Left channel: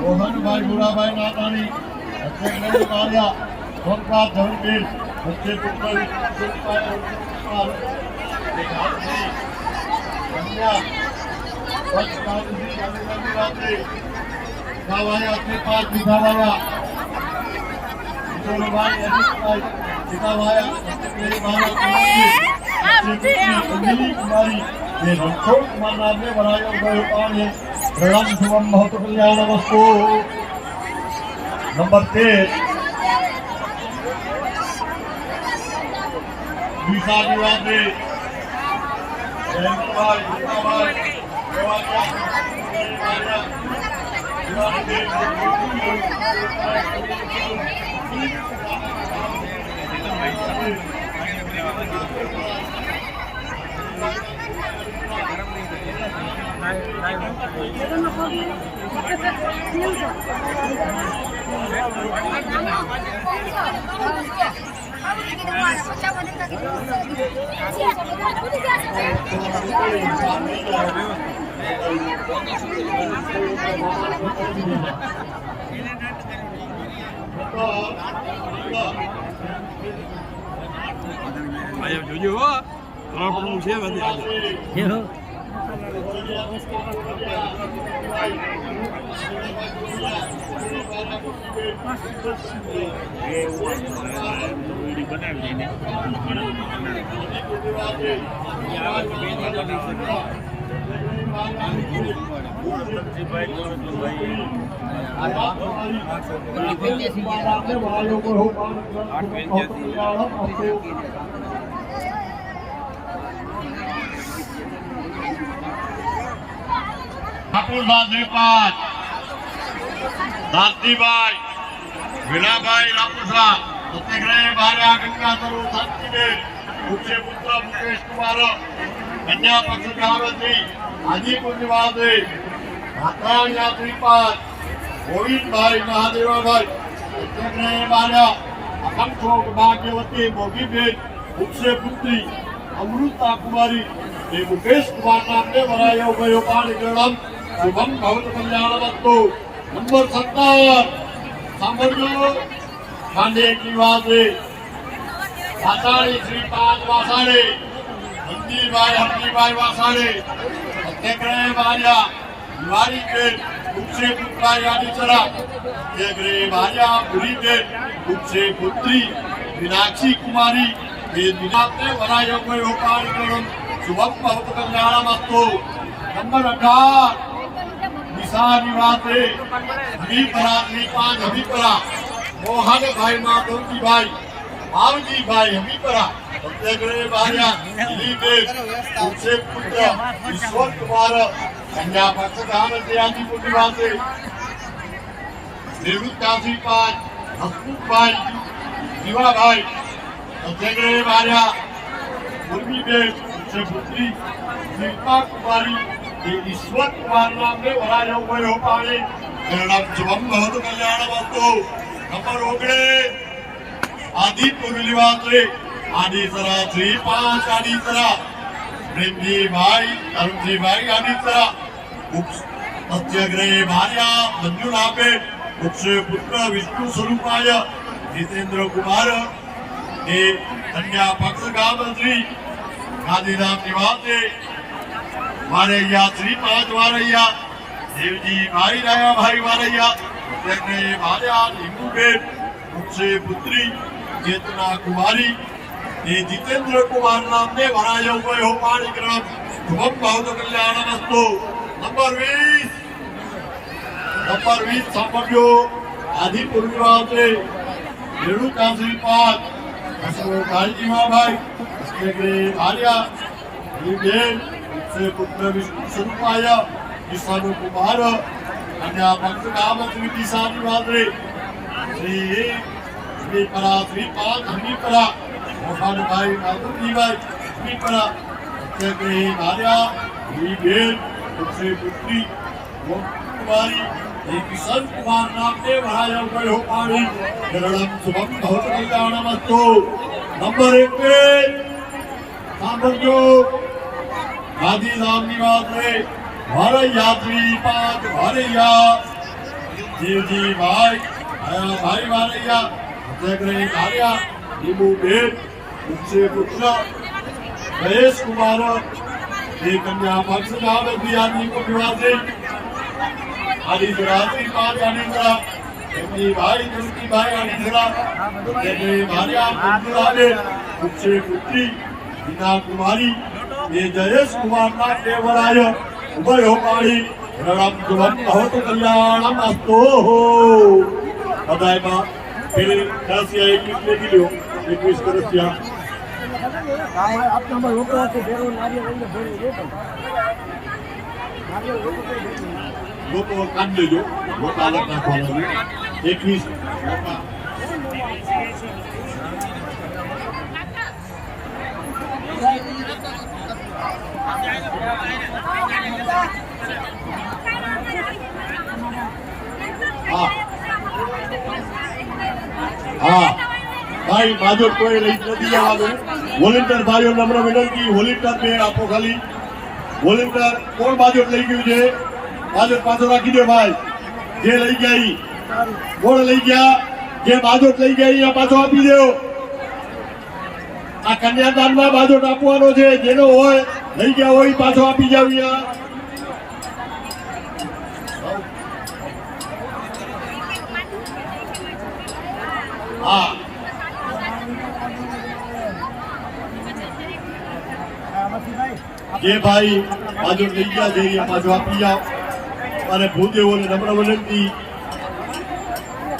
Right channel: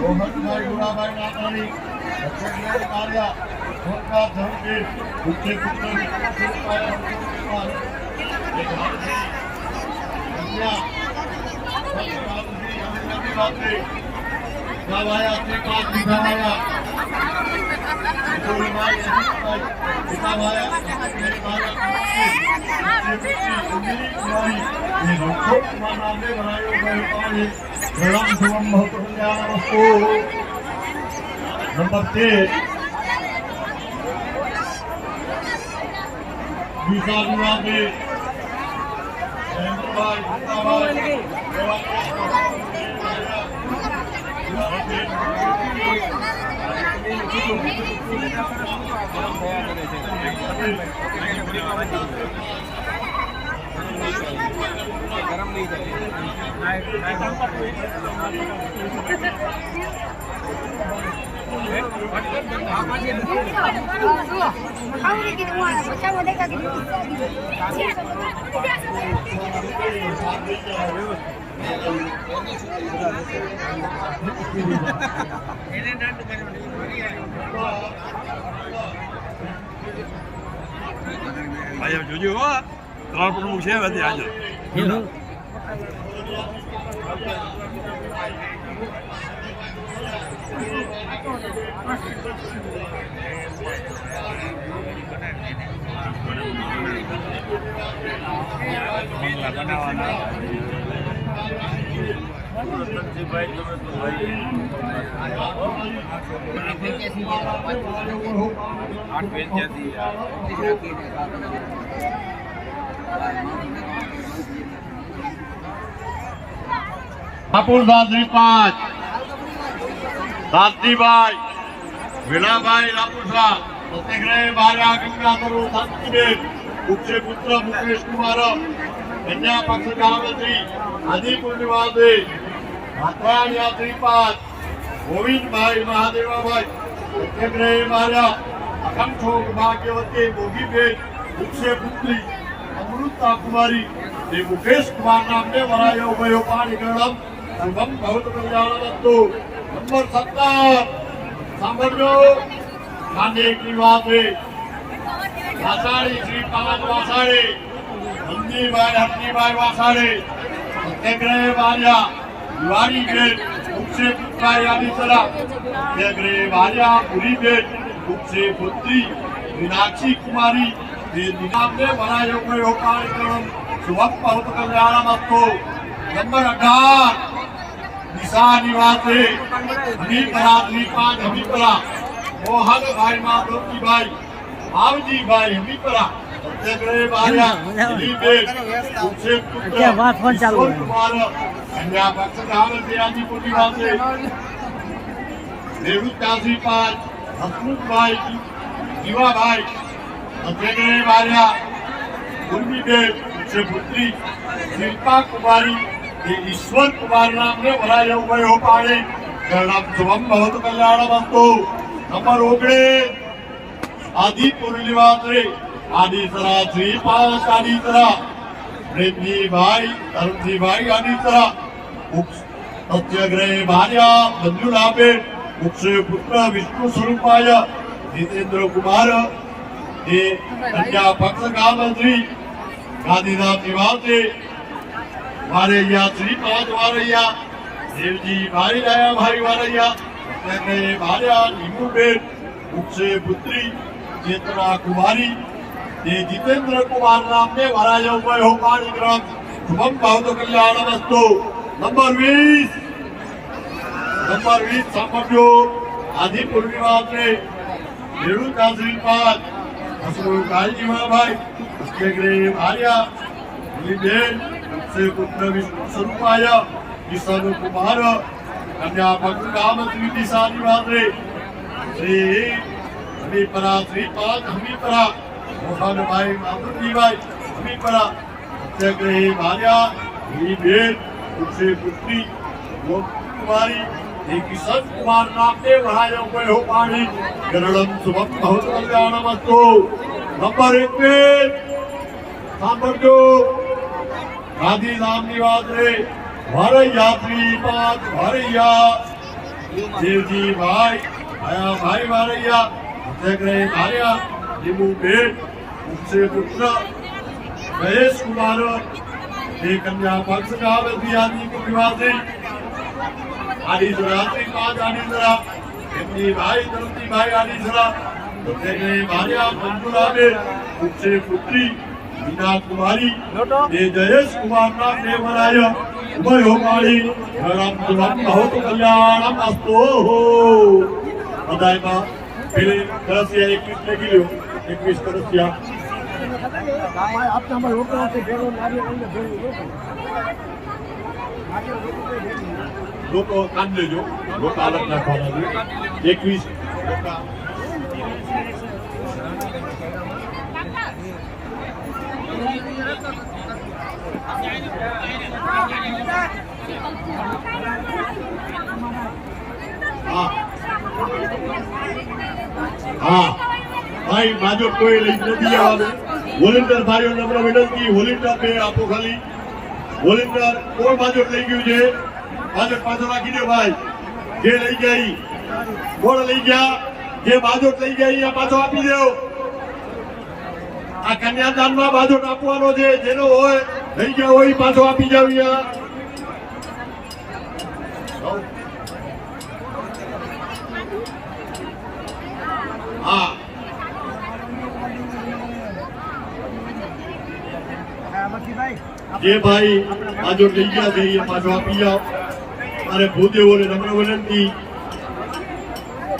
મોહનભાઈ મુરાભાઈ નાતાણી અક્ષરભાઈ કાળિયા સોમનાથ ધનગીર મુખ્ય પુત્ર नंबर 13 विशा विवाद ભાઈ જોજો હો ત્રણ પ્રમુખ છે બધી આજે हापुड़ा श्रीपाद दातीभाई विलाभाई रापुड़ा सत्याग्रह भार्या गंगाधरू शांतिबेन मुख्य पुत्र मुकेश कुमार कन्या पक्ष महामंत्री आदिपुर निवासी भात्राणिया श्रीपाद गोविंद भाई महादेवा भाई सत्याग्रह भार्या अखंडोग भाग्यवती मोगीबेन मुख्य पुत्री अमृता कुमारी मुकेश कुमार नाम ने वरायो गयो पाणी गणम शुभम बहुत कल्याणवस्तु नंबर 17 सांभळजो खांडे की वासे वासाड़ी श्रीपाद वासाड़े हरदीभाई वासाड़े सत्याग्रह भार्या दिवारी बेन मुख्य पुत्र यादीसरा सत्याग्रह भार्या पुरी बेन मुख्य पुत्री मीनाक्षी कुमारी दिनांक ने वरायो गयो पाणी गणम शुभम बहुत कल्याणवस्तु नंबर 18 दिशा निवासी हमीपरा श्रीपाद हमीपरा मोहन भाई माधवजी भाई मावजी भाई हमीपरा सत्याग्रह भार्या मुख्य पुत्र ईश्वर कुमार कन्या पक्ष महामंत्री आदिपुर निवासी निवृत्ता श्रीपाद हसमुख भाई दिवा भाई सत्याग्रह भार्या उर्मीबेन मुख्य पुत्री शिल्पा कुमारी ईश्वर कुमार नाम ने वरायो गयो पाणी गणम शुभम बहुत कल्याणवस्तु नंबर 19 आदिपुर निवासी आदिसरा श्रीपाद आदिसरा प्रेमजी भाई तरुणजी भाई आदिसरा सत्याग्रह भार्या मंजुलाबेन मुख्य पुत्र विष्णु स्वरूपाय जितेंद्र कुमार कन्या पक्ष महामंत्री गांधीधाम निवासी वारैया श्रीपाद वारैया देवजी भाई दया भाई वारैया सत्याग्रह भार्या नीमूबेन मुख्य पुत्री चेतना कुमारी जितेंद्र कुमार नाम ने वरायो गयो पाणी ग्राम शुभम बहुत कल्याणवस्तु नंबर 20 सांभळजो आदिपुर निवासी रेणुका श्रीपाद हसमुख काळजीभाई सत्याग्रह भार्या बेन मुख्य पुत्र विष्णु स्वरूपाय ईश्वर कुमार कन्या पक्ष महामंत्री दिशा निवासी श्री हमीपरा श्रीपाद हमीपरा मोहन भाई माधवजी भाई हमीपरा सत्याग्रह भार्या बेन मुख्य पुत्री कुमारी किशन कुमार नाम ने वरायो गयो पाणी गणम शुभम बहुत कल्याणवस्तु नंबर 21 सांभळजो गांधीधाम निवासी વારૈયા શ્રીપાદ વારૈયા દેવજી ભાઈ આયા ભાઈ વારૈયા જગરે આર્યા લીંબુ બેન ઉપસે પુત્ર જયેશ કુમાર એ કન્યા પક્ષ આવે બિયાની કો નિવાસી આદિસરા શ્રીપાદ આદિસરા એમની ભાઈ ધરતીભાઈ આદિસરા જગરે ભાર્યા મંજુલાબે ઉપસે પુત્રી મીના કુમારી એ જયેશ કુમારના દેવરાય ઉભયો માળી રામ સુવન બહુત કલ્યાણમ અસ્તો બધાયમાં પેલી 10 या 21 ને કિલો 21 કરસ્યા આપના રોકો છે ભેરો નારિયેળ લઈને ભેરો લોકો કાઢ દેજો લોકો અલગ નાખવાના 21 લોકો હા ભાઈ માજો કોઈ લઈ નથી આવવાનું વોલેન્ટિયર ભાઈઓ નમ્ર વિનંતી વોલેન્ટિયર બે આપો ખાલી વોલેન્ટિયર કોણ માજો લઈ ગયું છે માજો પાછો રાખી દો ભાઈ જે લઈ ગયા ઈ કોણ લઈ ગયા જે માજો લઈ ગયા ઈ પાછો આપી દો આ કન્યાદાનમાં બાજુ આપવાનો છે જેનો હોય લઈ ગયા હોય પાછો આપી જાવ હા જે ભાઈ બાજુ લઈ ગયા છે એ પાછો આપી જાઓ અને ભૂદેવોને નમ્ર વિનંતી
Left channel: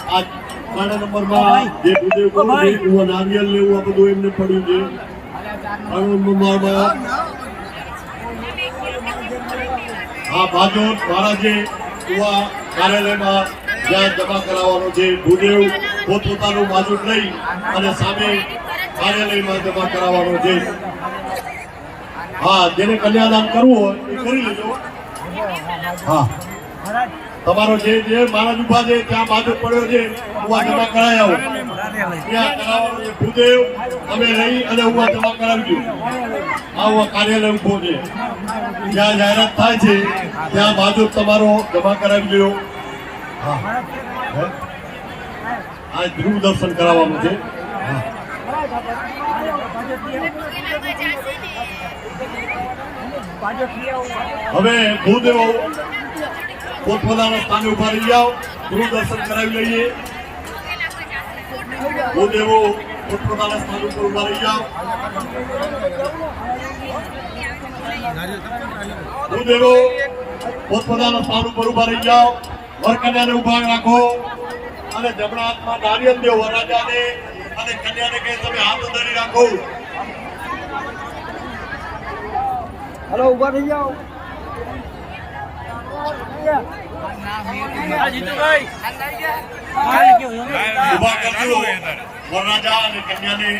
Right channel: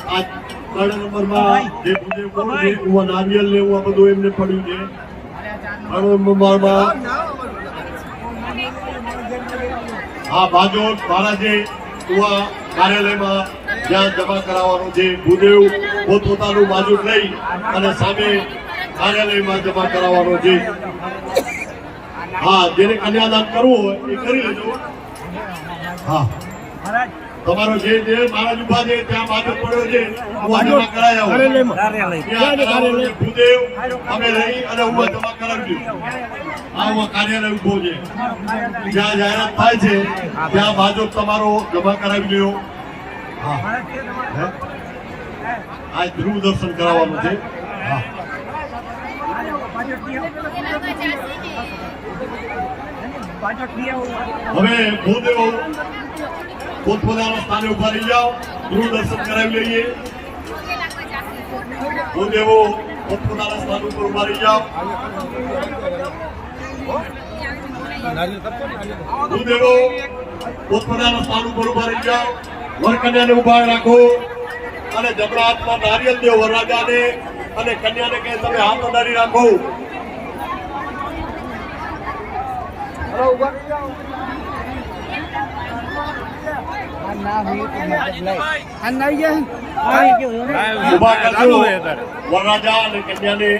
આ ત્રણ નંબરમાં જે ભૂદેવ કોણ છે કુવા નારિયેલ લેવું આ બધું એમને પડ્યું છે ત્રણ નંબરમાં હા બાજુ મારા જે કુવા કાર્યાલયમાં જ્યાં જમા કરાવવાનું છે ભૂદેવ પોતપોતાનું બાજુ લઈ અને સામે કાર્યાલયમાં જમા કરાવવાનું છે હા જેને કન્યાદાન કરવું હોય એ કરી લેજો હા તમારો જે મારા ઉભા છે ત્યાં બાજુ પડ્યો છે જમા કરાયા ભૂદેવ અમે લઈ અને ઉભા જમા કરાવજો આ કાર્યાલય ઉભો છે જ્યાં જાહેરાત થાય છે ત્યાં બાજુ તમારો જમા કરાવી લ્યો આ ધ્રુવ દર્શન કરાવવાનું છે હવે ભૂદેવો પોતપોતાના સ્થાને ઉભા રહી જાઓ ધ્રુવ દર્શન કરાવી લઈએ ભૂદેવો પોતપોતાના સ્થાન ઉપર ઉભા રહી જાઓ ભૂદેવો પોતપોતાના સ્થાન ઉપર ઉભા રહી જાઓ વરકન્યાને ઉભા રાખો અને જમણા હાથમાં નારિયેલ દેવ વરરાજાને અને કન્યાને કહે તમે હાથ અડાડી રાખો હલો ઉભા થઈ જાઓ ઉભા કરજો વરરાજા અને કન્યાને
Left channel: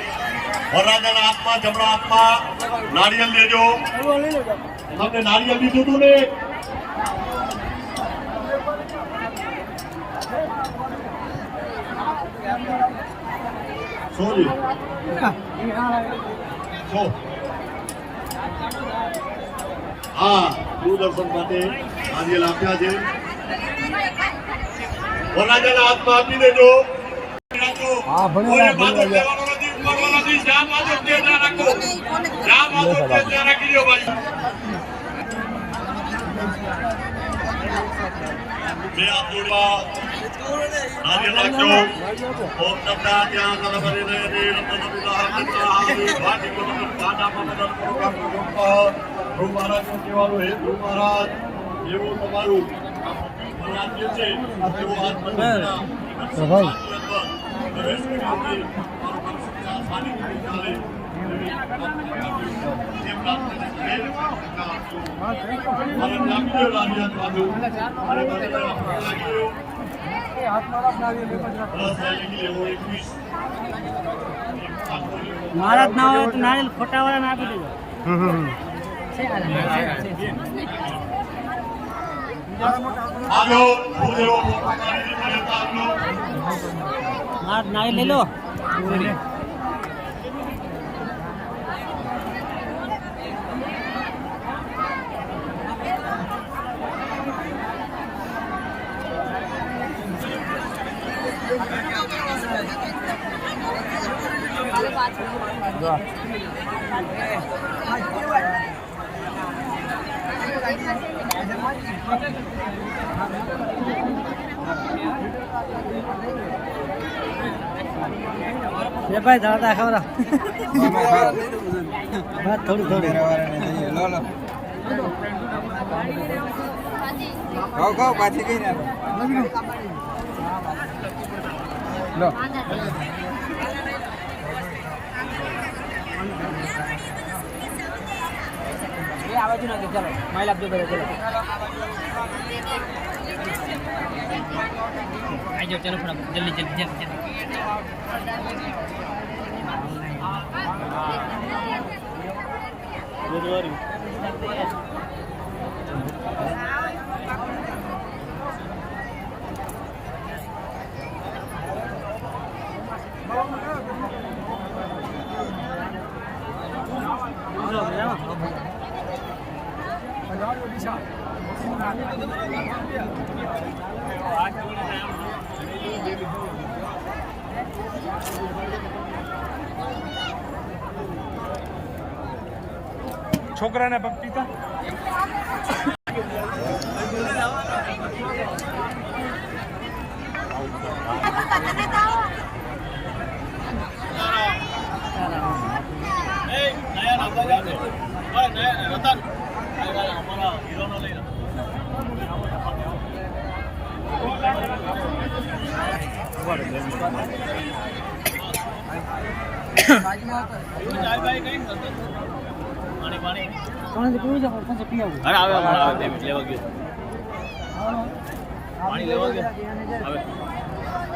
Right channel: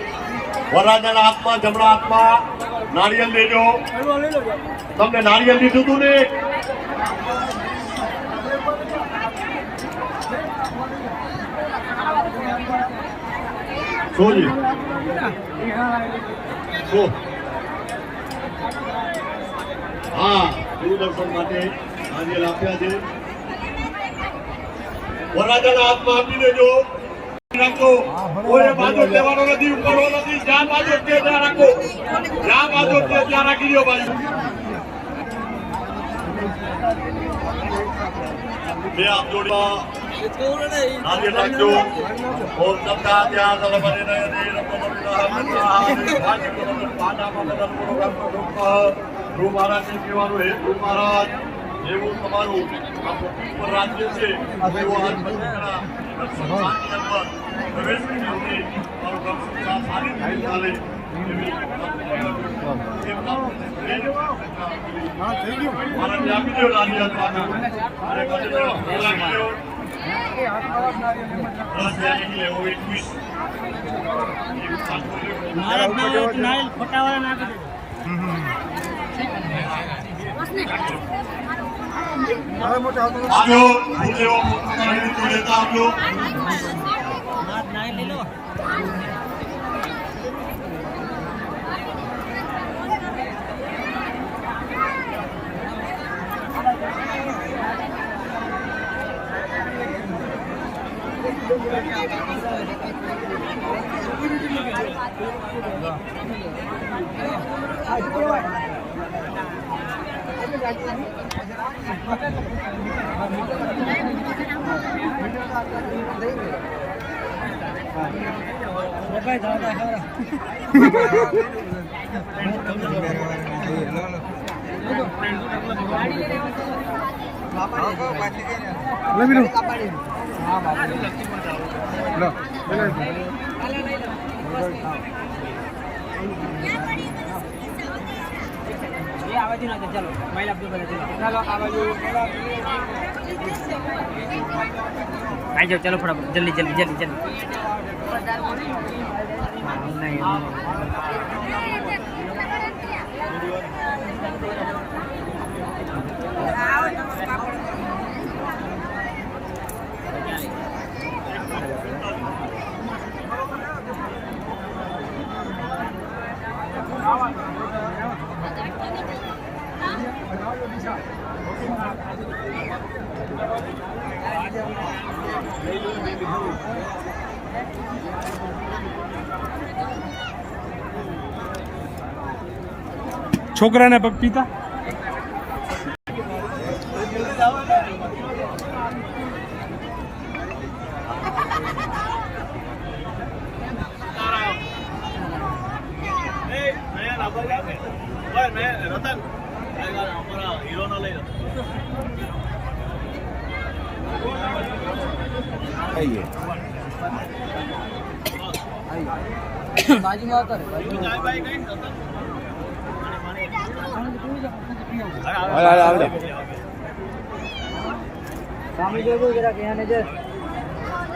વરરાજાના હાથમાં જમણા હાથમાં નારિયેલ દેજો તમને નારિયેલ દીધું હતું ને સોજી હા દૂરદર્શન માટે નારિયેલ આપ્યા છે વરરાજાના હાથમાં આપી દેજો રાખો કોઈ બાજુ લેવાનો નથી ઉપાડવો નથી જ્યાં બાજુ તે ત્યાં રાખો જ્યાં બાજુ તે ત્યાં રાખી દો ભાઈ બે હાથ જોડવા નારિયેલ રાખજો ઓમ નમઃ ત્યાં સલબરે નયને રત્ન વિલાહ નમઃ ભાજી કો નમઃ પાનામાં બદલ પ્રોગ્રામ પ્રોગ્રામ ધ્રુવ મહારાજ કહેવાનું હે ધ્રુવ મહારાજ જેવું તમારું આ પૃથ્વી પર રાજ્ય છે તેવો આજ બધા પ્રવેશ કરી મારું કામ સારી થઈ ચાલે મહારાજ ના હોય તો નારિયેલ ખોટા વાળા ના આપી દેજો નારિયેલ લઈ લો ભાઈ દાદા ખવડા થોડું થોડું ये आवाज ना चलो माइल आप दो चलो आ जाओ चलो फटाफट जल्दी जल्दी जल्दी जल्दी છોકરાને પપીતા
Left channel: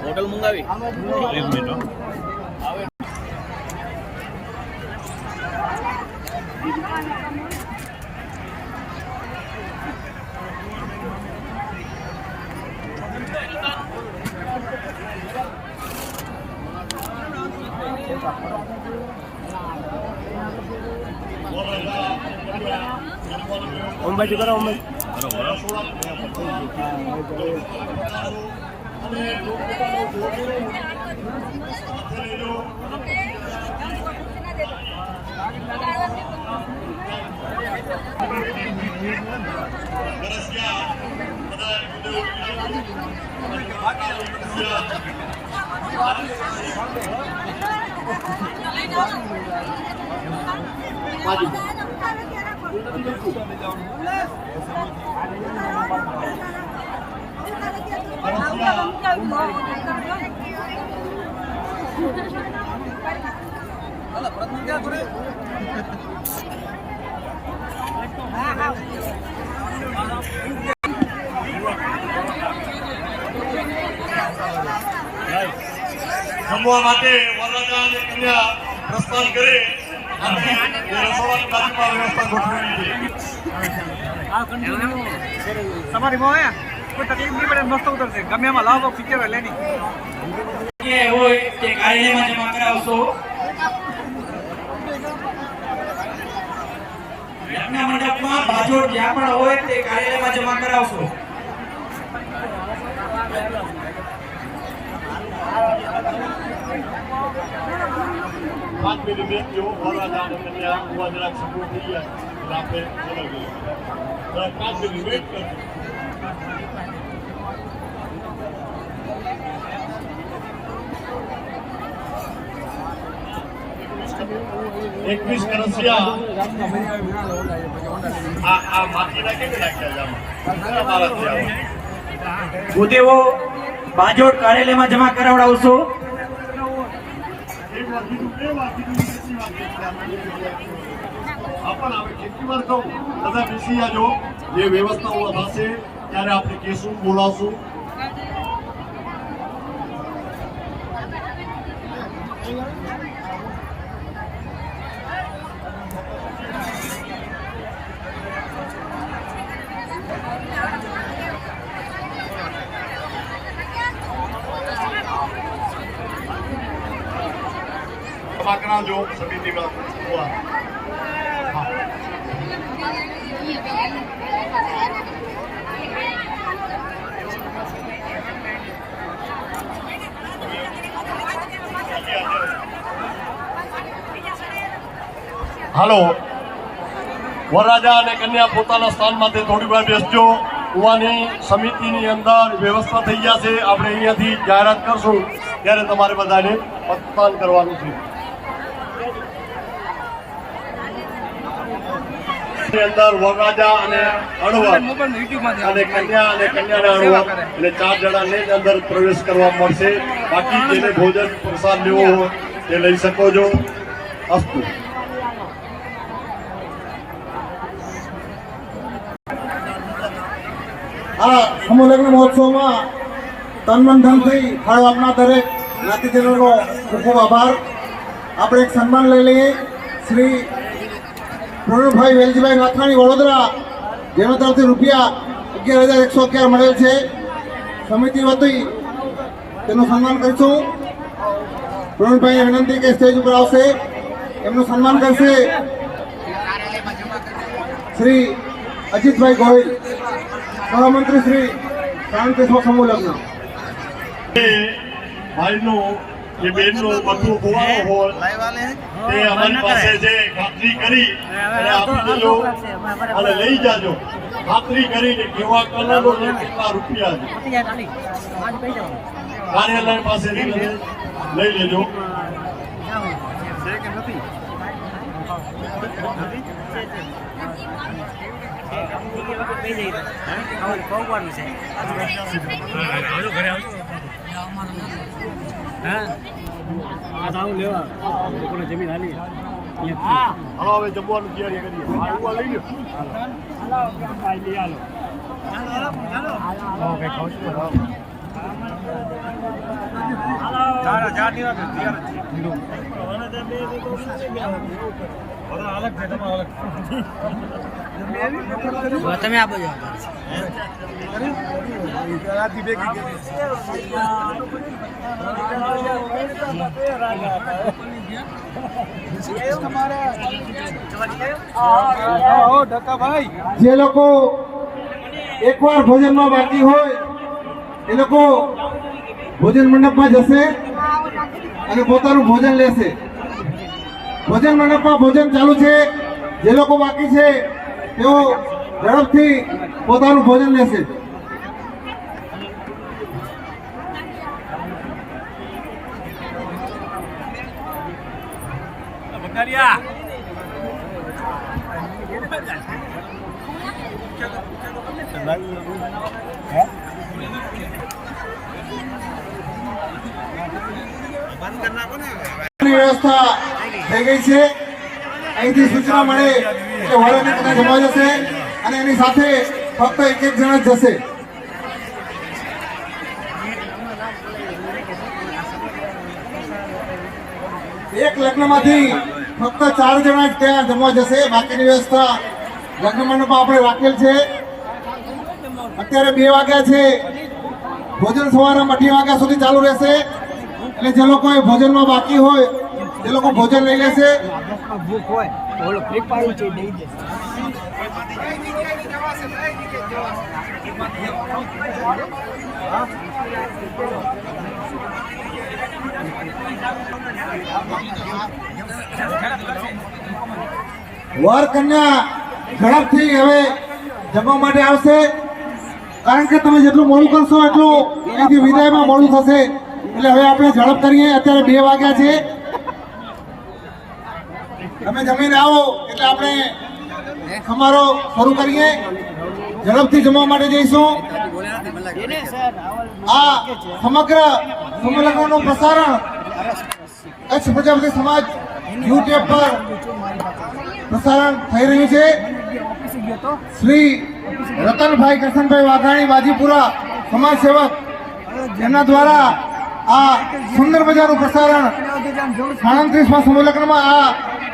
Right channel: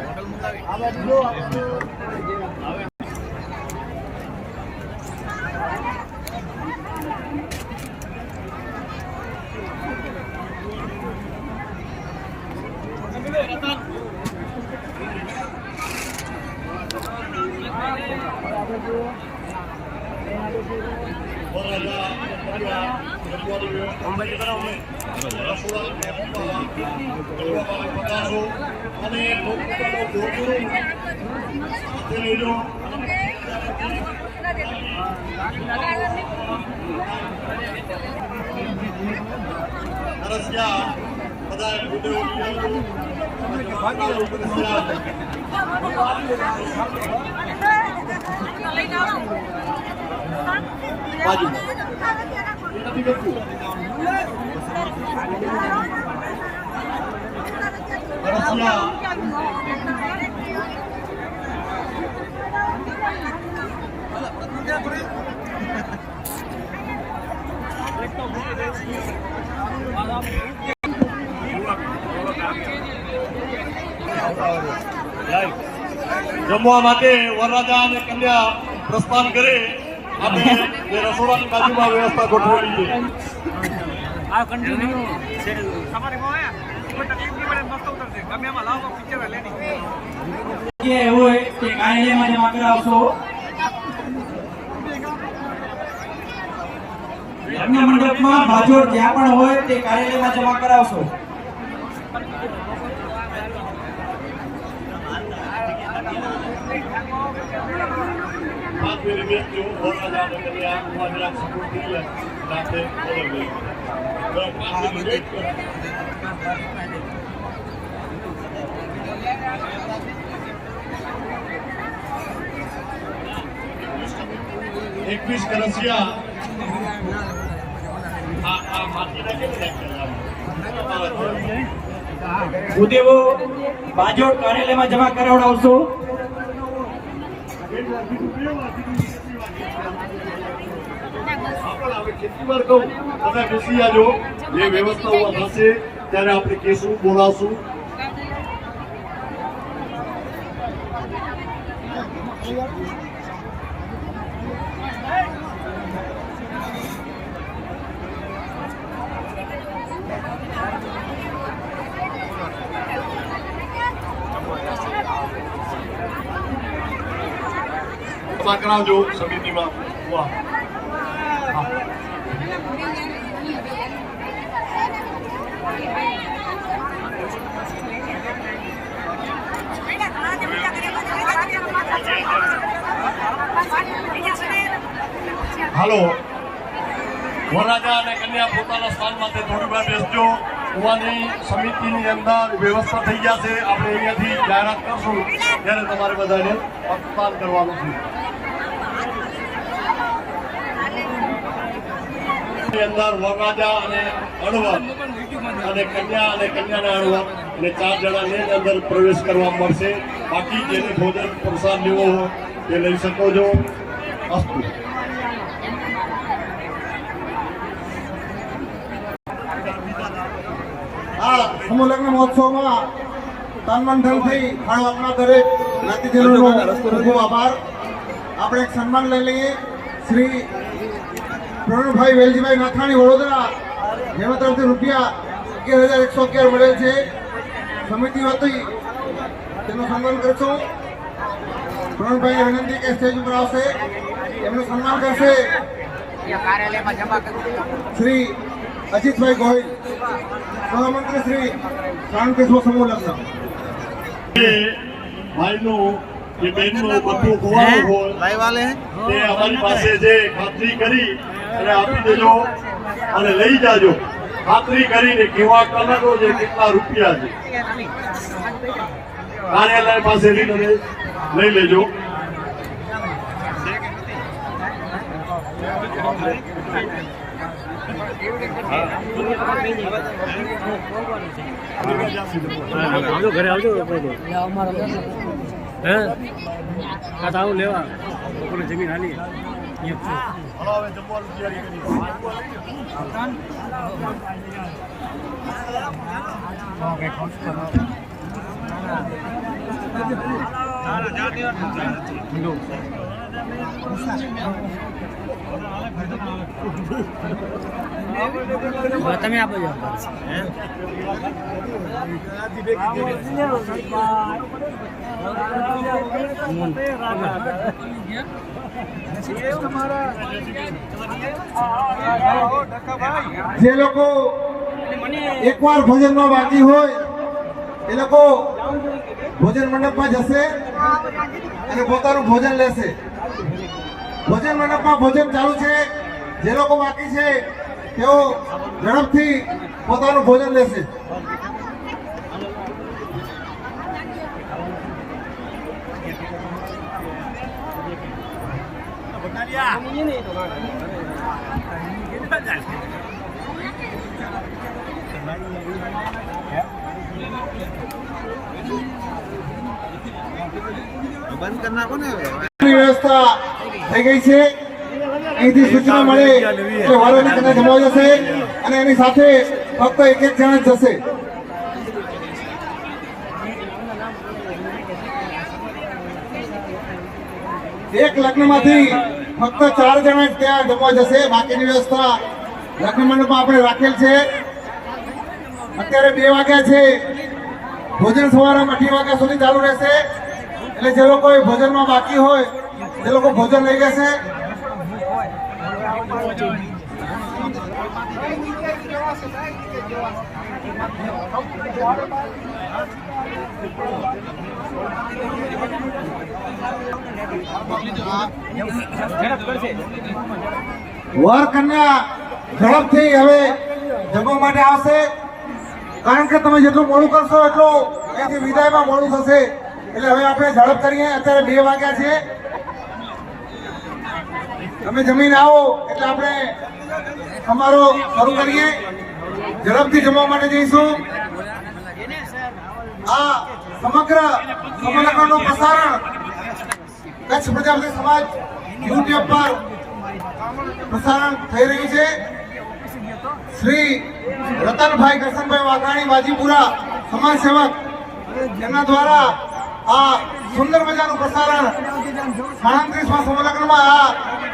હોટલ મંગાવી જમવા માટે વરરાજા અને કન્યા પ્રસ્થાન કરે અને રસોડાની બાજુમાં વ્યવસ્થા ગોઠવેલી છે. આ કન્ટિન્યુ તમારી માં આયા કોઈ તકલીફ નહીં પડે મસ્ત ઉતરશે ગમે એમાં લાવો પિક્ચર લેડી કે હોય તે કાર્યાલયમાં જમા કરાવશો. યજ્ઞ મંડપમાં બાજોટ જ્યાં પણ હોય તે કાર્યાલયમાં જમા કરાવશો. 5 મિનિટ બેસજો. વરરાજા અને કન્યા ઉભા જરાક સપોર્ટ થઈ જાય એટલે આપણે બોલાવી દઈએ. 5 મિનિટ વેઇટ કરજો. એકવીસ કરસિયા આ માટીના કેટલી નાખ્યા છે આમાં? ભૂદેવો બાજોટ કાર્યાલયમાં જમા કરાવડાવશો. એક વાર કીધું, 2 વાર કીધું, 3 વાર કીધું. પણ હવે કેટલી વાર કહું, બધા બેસી જાજો. જે વ્યવસ્થા ઉભા થશે ત્યારે આપણે કેસું બોલાવશું. કરાવજો સમિતિમાં. હાલો વરરાજા અને કન્યા પોતાના સ્થાનમાંથી થોડી વાર બેસજો. કુવાની સમિતિની અંદર વ્યવસ્થા થઈ ગયા છે. આપણે અહીંયાથી જાહેરાત કરશું ત્યારે તમારે બધાને મતદાન કરવાનું છે. અંદર વરરાજા અને અણવર અને કન્યાના અણવર અને 4 જણાને જ અંદર પ્રવેશ કરવા મળશે. બાકી જેને ભોજન પ્રસાદ લેવો હોય તે લઈ શકો છો. અસ્તુ. આ સમૂહ લગ્ન મહોત્સવમાં તન મન ધનથી ફાળો આપનાર દરેક જ્ઞાતિજનોનો ખૂબ ખૂબ આભાર. આપણે એક સન્માન લઈ લઈએ. શ્રી પ્રણવભાઈ વેલજીભાઈ નાથાણી વડોદરા, જેના તરફથી રૂપિયા 11,111 મળેલ છે. સમિતિ વતી તેનું સન્માન કરીશું. પ્રણવભાઈને વિનંતી કે સ્ટેજ ઉપર આવશે, એમનું સન્માન કરશે શ્રી અજીતભાઈ ગોહિલ, સહમંત્રી શ્રી શાંતિસ્વ સમૂહ લગ્ન. ભાઈનું કે બેનનું બધું ધોવાનું હોય તે અમારી પાસે છે. ખાતરી કરી અને આપી દેજો અને લઈ જાજો. ખાતરી કરીને કેવા કલરનો છે, કેટલા રૂપિયા છે, કાર્યાલય પાસેથી તમે લઈ લેજો. આવજો ઘરે આવજો. હે આ તો આવું લેવા લોકોને જમીન હાલી અહીંયા હવે જમવાનું તૈયારી કરી તમે આપો છો. જે લોકો એકવાર ભોજનમાં બાકી હોય એ લોકો ભોજન મંડપમાં જશે અને પોતાનું ભોજન લેશે. ભોજન મંડપમાં ભોજન ચાલુ છે. જે લોકો બાકી છે તેઓ ઝડપથી પોતાનું ભોજન લેશે. વ્યવસ્થા થઈ ગઈ છે. અહીંથી સૂચના મળે એટલે વારોની કદાચ જમાઈ જશે અને એની સાથે ફક્ત એક જણા જ જશે. એક લગ્નમાંથી ફક્ત 4 જણા જ ત્યાં જમવા જશે. બાકીની વ્યવસ્થા લગ્ન મંડપમાં આપણે રાખેલ છે. અત્યારે 2 વાગ્યા છે. ભોજન સમારંભ 2 વાગ્યા સુધી ચાલુ રહેશે. એટલે જે લોકો ભોજનમાં બાકી હોય એ લોકો ભોજન લઈ લેશે. વર કન્યા ઝડપથી હવે જમવા માટે આવશે. કારણ કે તમે જેટલું મોડું કરશો એટલું અહીંથી વિદાયમાં મોડું થશે. એટલે હવે આપણે ઝડપ કરીએ. અત્યારે 2 વાગ્યા છે. તમે જમીને આવો એટલે આપણે સમારોહ શરૂ કરીએ. ઝડપથી જમવા માટે જઈશું. આ સમગ્ર સમારોહનું પ્રસારણ કચ્છ પ્રજાપતિ સમાજ યુટ્યુબ પર પ્રસારણ થઈ રહ્યું છે. શ્રી રતનભાઈ કરશનભાઈ વાઘાણી બાજીપુરા સમાજ સેવક, એમના દ્વારા આ સુંદર મજાનું પ્રસારણ 37મા સમૂહ લગ્નમાં આ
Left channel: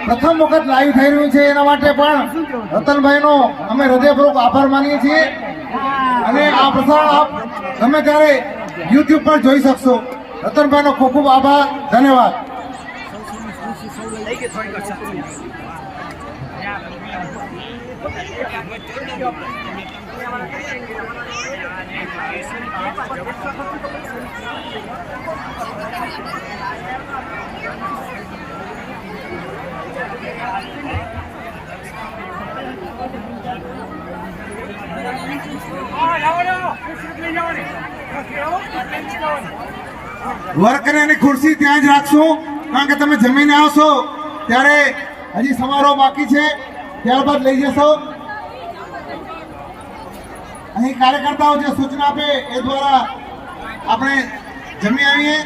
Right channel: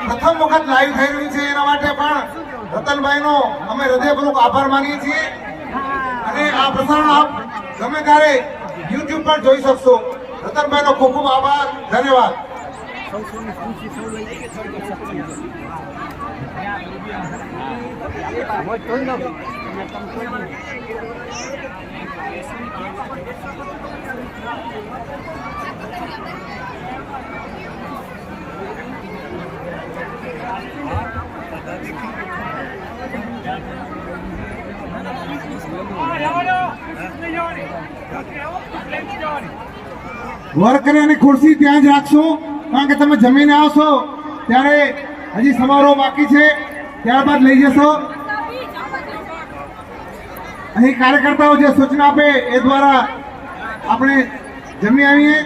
પ્રથમ વખત લાઈવ થઈ રહ્યું છે. એના માટે પણ રતનભાઈનો અમે હૃદયપૂર્વક આભાર માનીએ છીએ. અને આ પ્રસારણ આપ ગમે ત્યારે યુટ્યુબ પર જોઈ શકશો. રતનભાઈનો ખૂબ ખૂબ આભાર. ધન્યવાદ. વર્કરે અને ખુરશી ત્યાં જ રાખશું, કારણ કે તમે જમીને આવશો ત્યારે હજી સમારોહ બાકી છે, ત્યારબાદ લઈ જશો. અહીં કાર્યકર્તાઓ જે સૂચના આપે એ દ્વારા આપણે જમી આવીએ.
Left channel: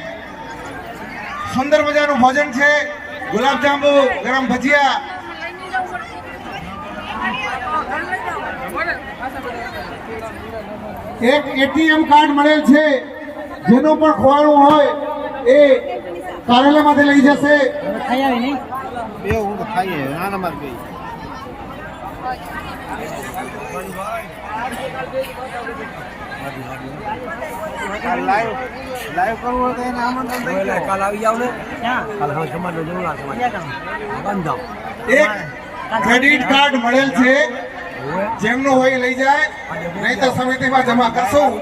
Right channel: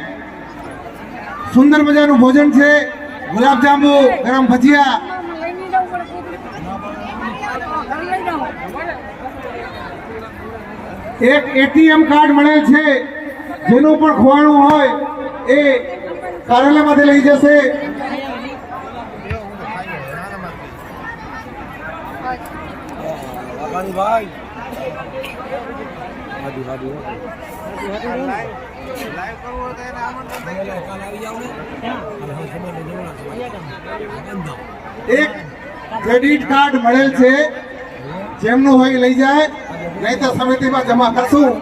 સુંદર મજાનું ભોજન છે, ગુલાબજાંબુ, ગરમ ભજીયા. એક એટીએમ કાર્ડ મળેલ છે, જેનું પણ ખોવાણું હોય એ કાર્યાલયમાંથી લઈ જશે. એક ક્રેડિટ કાર્ડ મળેલ છે, જેમનું હોય લઈ જાય, નહીં તો સમિતિમાં જમા કરશું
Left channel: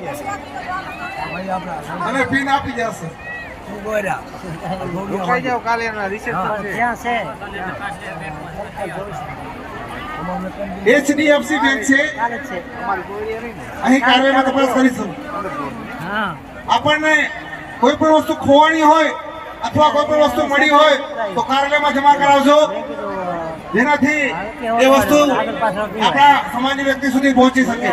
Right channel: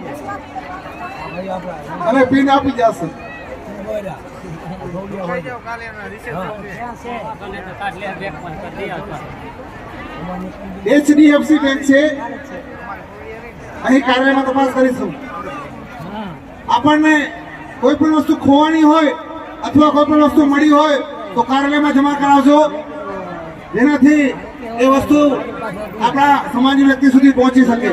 અને પિન આપી જશે. HDFC બેંક છે, અહીં કાર્યાલયમાં તપાસ કરીશું. આપણને કોઈ પણ વસ્તુ ખોવાણી હોય અથવા કોઈ પણ વસ્તુ મળી હોય તો કાર્યાલયમાં જમા કરાવજો, જેનાથી એ વસ્તુ આપણા સમાજની વ્યક્તિ સુધી પહોંચી શકે.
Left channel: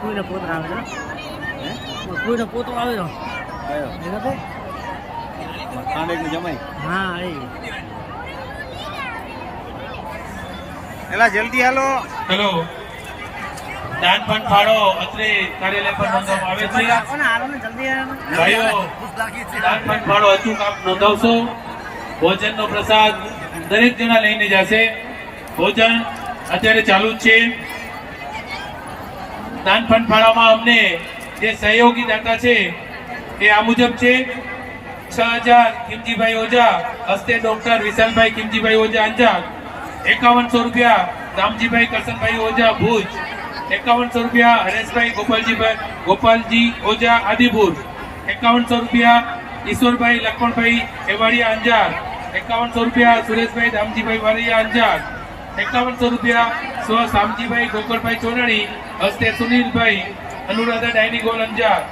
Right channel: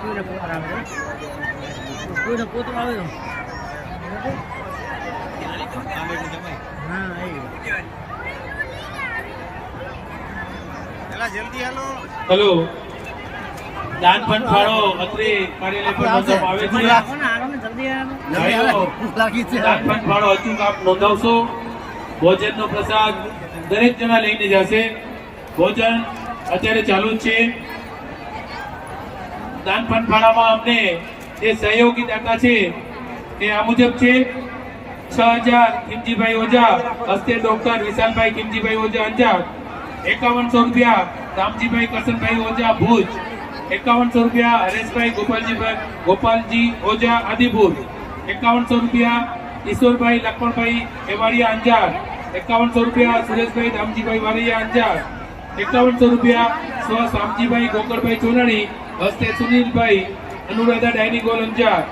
પૂરો પોતો આવે છે, પૂરો પોતો આવે હા એ એલા જલ્દી હાલો. હેલો, દાન ફંડ ફાળો અત્રે કાર્યાલય પર નોંધવામાં આવે છે. હાલો ને જલ્દી ભાઈઓ, દાન ફંડ ફાળો અચૂક આપ નોંધાવશો. ભોજનનો પ્રસાદ દરેક જણા લઈને જશે. ભોજન અત્યારે ચાલુ જ છે. દાન ફંડ ફાળામાં અમને જે સહયોગી દાતા છે એ આ મુજબ છે: 6000 કિમજીભાઈ ઓઝા, હસ્તે ડોક્ટર વિશાલભાઈ કિમજીભાઈ ઓઝા અંજાર. 5100 રૂપિયા રામજીભાઈ કરશનભાઈ ઓઝા ભુજ. 5100 રૂપિયા હરેશભાઈ ગોપાલજી ઓઝા આદિપુર. 5100 રૂપિયા ઈશ્વરભાઈ લખમણભાઈ એવાડિયા અંજાર. 5100 રૂપિયા સુરેશભાઈ રામજીભાઈ વારિયા અંજાર. 5100 રૂપિયા સ્વ શામજીભાઈ ગોકળભાઈ ચોરાણી, હસ્તે સુનિલભાઈ અનુરાધા ડાયનિંગ હોલ અંજાર.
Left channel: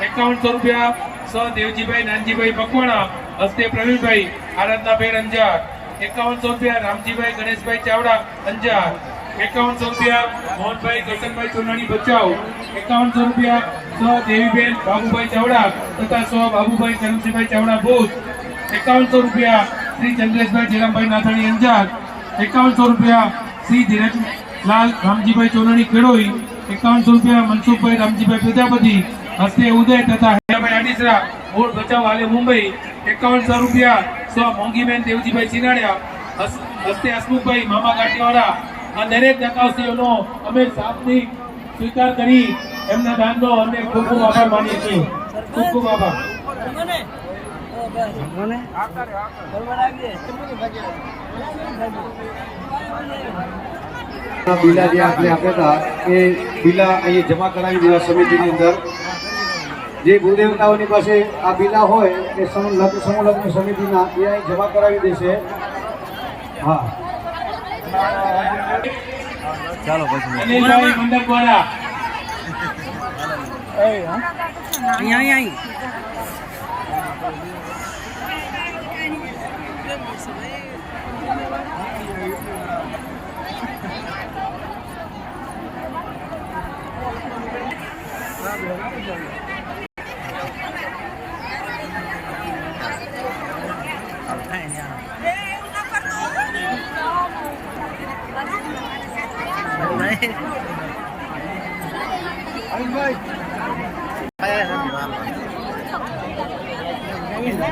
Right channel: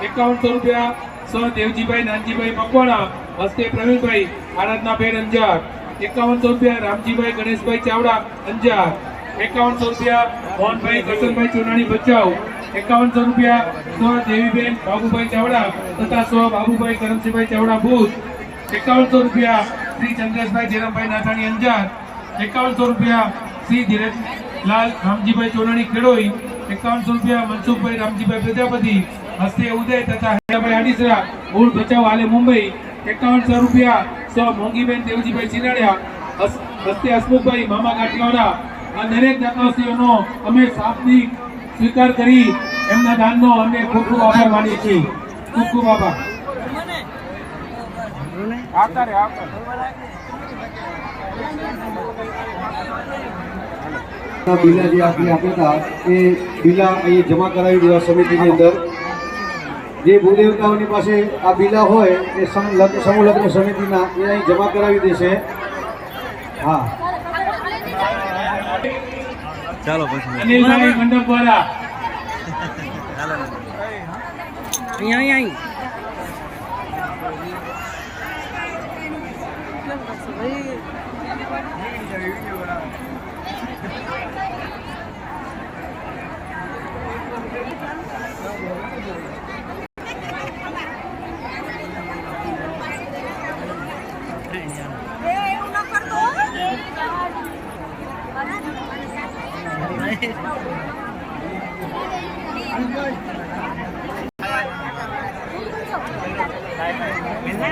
5100 રૂપિયા સ્વ દેવજીભાઈ નાનજીભાઈ મકવાણા, હસ્તે પ્રવીણભાઈ આરાધનાભેર અંજાર. 5100 રૂપિયા રામજીભાઈ ગણેશભાઈ ચાવડા અંજાર. 5100 રૂપિયા મોહનભાઈ કરશનભાઈ ચોરાણી બચાવ. 5100 રૂપિયા સ્વ દેવીબેન બાબુભાઈ ચાવડા તથા સ્વ બાબુભાઈ કરમસિંહભાઈ ચાવડા ભુજ. 5100 રૂપિયા શ્રી ચંદ્રેશભાઈ જેરામભાઈ નાથાણી અંજાર. 5100 રૂપિયા શ્રી ધીરજલાલ રામજીભાઈ ચોરાણી ખેડોઈ. 5100 રૂપિયા મનસુખભાઈ રામજીભાઈ પ્રજાપતિ, હસ્તે ઉદય તથા હેલાભાઈ આડીસરા મૂળ ભચાઉ હાલે મુંબઈ. 5100 રૂપિયા સ્વ મોંઘીબેન દેવજીભાઈ ચિનાળિયા, હસ્તે હસમુખભાઈ મામા ગાંઠિયાવાડા. આ દરેક દાતાશ્રીઓનો અમે સાપની સ્વીકાર કરી એમના દાનનો અમે ખૂબ ખૂબ આભાર માનીએ છીએ. ખૂબ ખૂબ આભાર. બિલા જે આપણે આપ્યા હતા એ બિલા અહીં જમા કરાવી દેવા સમિતિની અંદર. જે ભૂદેવતાઓની પાસે આ બિલા હોય એ સમૂહ લગ્ન સમિતિના એ અહીં જમા કરાવી દેશે. હા, ચાલો પછી અનિલભાઈ મંડપવાળા. અહીં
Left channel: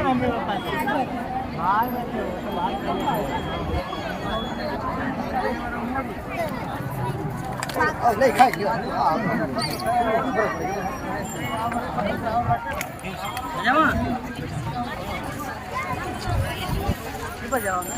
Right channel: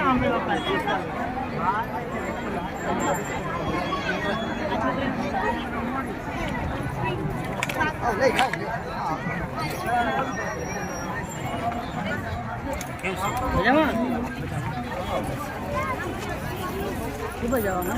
મમ્મી પપ્પા મજામાં જવાના